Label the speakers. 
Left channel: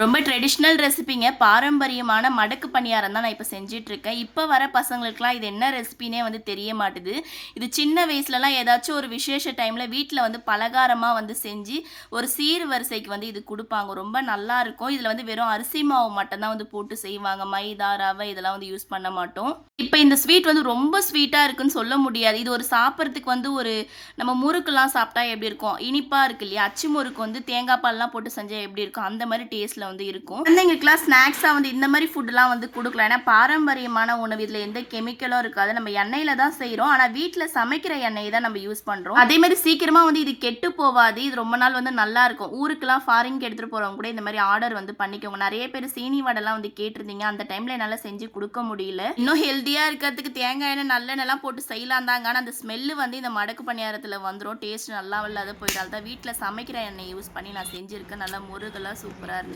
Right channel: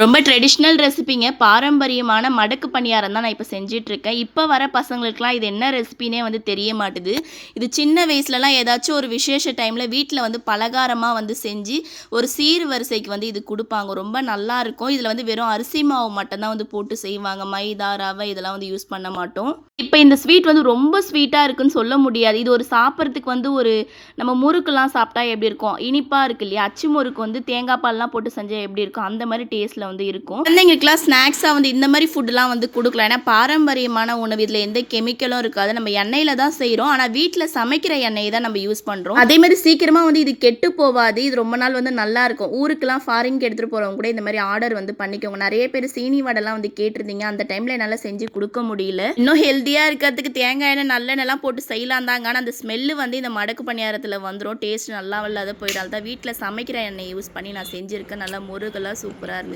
Speaker 1: ரொம்ப ட்ரெடிஷ்னல் ரெசிபிங்க பாரம்பரியமான மடக்கு பணியாரம் தான் நான் இப்போ செஞ்சிட்ருக்கேன். இப்போ வர பசங்களுக்குலாம் இது என்ன ரெசிபினே வந்து தெரிய மாட்டுது. இது சின்ன வயசுலலாம் ஏதாச்சும் ஒரு விசேஷ டைமில் வீட்டில் வந்து பலகாரமாக வந்து செஞ்சு ஒரு சீர் வரிசைக்கு வந்து இது கொடுப்பாங்க. ரொம்ப நல்லா இருக்கும். இதில் வந்து வெறும் அரிசி மாவு மட்டும்தான் வந்து போட்டு செய்வாங்க. மைதா ரவை இதெல்லாம் வந்து யூஸ் பண்ண மாட்டோம். இப்போ இந்த ஸ்வீட் வந்து ரொம்ப ஸ்வீட்டாக இருக்குன்னு சொல்ல முடியாது. இது ஒரு சாப்பிட்றதுக்கு வந்து ஒரு நம்ம முறுக்குலாம் சாப்பிட்டா எப்படி இருக்கும்? இனிப்பாக இருக்கு இல்லையா? அச்சு முறுக்கு வந்து தேங்காய் பால்லாம் போட்டு செஞ்சால் எப்படி இருக்கும்? அந்த மாதிரி டேஸ்ட்டில் வந்து இருக்கும். குழந்தைங்களுக்குலாம் ஸ்நாக்ஸாக வந்து இந்த மாதிரி ஃபுட்லாம் வந்து கொடுக்கலாம் ஏன்னா பாரம்பரியமான உணவு இதில் எந்த கெமிக்கலும் இருக்காது. நம்ம எண்ணெயில் தான் செய்கிறோம் ஆனால் வீட்டில் சமைக்கிற எண்ணெயை தான் நம்ம யூஸ் பண்ணுறோம் அதே மாதிரி சீக்கிரமாக வந்து இது கெட்டு போகாது இது ரொம்ப நாள் வந்து நல்லா இருக்கும். ஊருக்குலாம் ஃபாரின்க்கு எடுத்துகிட்டு போகிறவங்க கூட இந்த மாதிரி ஆர்டர் வந்து பண்ணிக்கோங்க. நிறைய பேர் சீனி வடைலாம் வந்து கேட்டிருந்தீங்க. அந்த டைமில் என்னால் செஞ்சு கொடுக்க முடியல. இன்னும் ஹெல்த்தியாக இருக்கிறதுக்கு தேங்காய் எண்ணெய் நல்லெண்ணெய்லாம் போட்டு செய்யலாம் தாங்க ஆனால் அந்த ஸ்மெல்லு வந்து இந்த மடக்கு பணியாரத்தில் வந்துடும் டேஸ்ட் நல்லா இல்லாத போயிடாது. தான் வீட்டில் சமைக்கிற எண்ணெய் யூஸ் பண்ணி நான் செஞ்சுருக்கேன். நல்லா முருகெல்லாம் சூப்பராக இருந்துச்சு.